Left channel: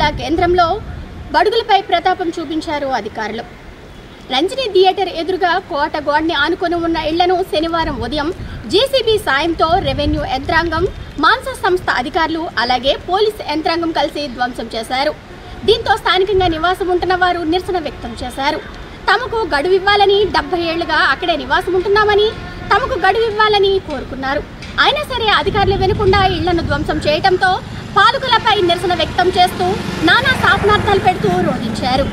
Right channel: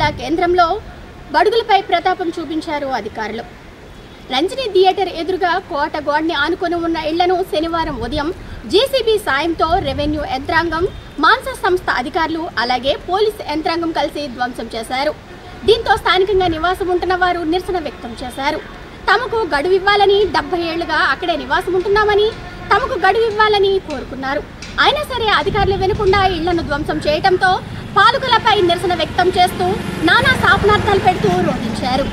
జిల్లా కేంద్రంలో బడుగులపై ప్రతాపం చూపించారు అధికారులు. రంజని థియేటర్ ఎదురుగా కోట గోడని ఆనుకొని ఉన్న ఇళ్లను శనివారం ఉదయం జేసీబీ సాయంతో రెవెన్యూ యంత్రాంగం, మాన్సా సంస్థ అధికారులు అలాగే పోలీసు యంత్రాంగం కలిసి ధ్వంసం చేశారు. దీంతో స్థానికంగా నివాసం ఉంటున్న వారు నిరసన వ్యక్తం చేశారు. తమకు గడువు ఇవ్వాలని, 70 ఏళ్లుగా అక్కడే నివాసం ఉంటున్నామని, తమకు గడువు ఇవ్వాలని కోరుకున్నారు. అయినా సరే అధికారులు వినకుండా ఇళ్లను ధ్వంసం చేయడంతో పాలకులపై నిరసన వ్యక్తం చేస్తూ నానా శాపనార్థాలు పెడుతూ రోధించారు.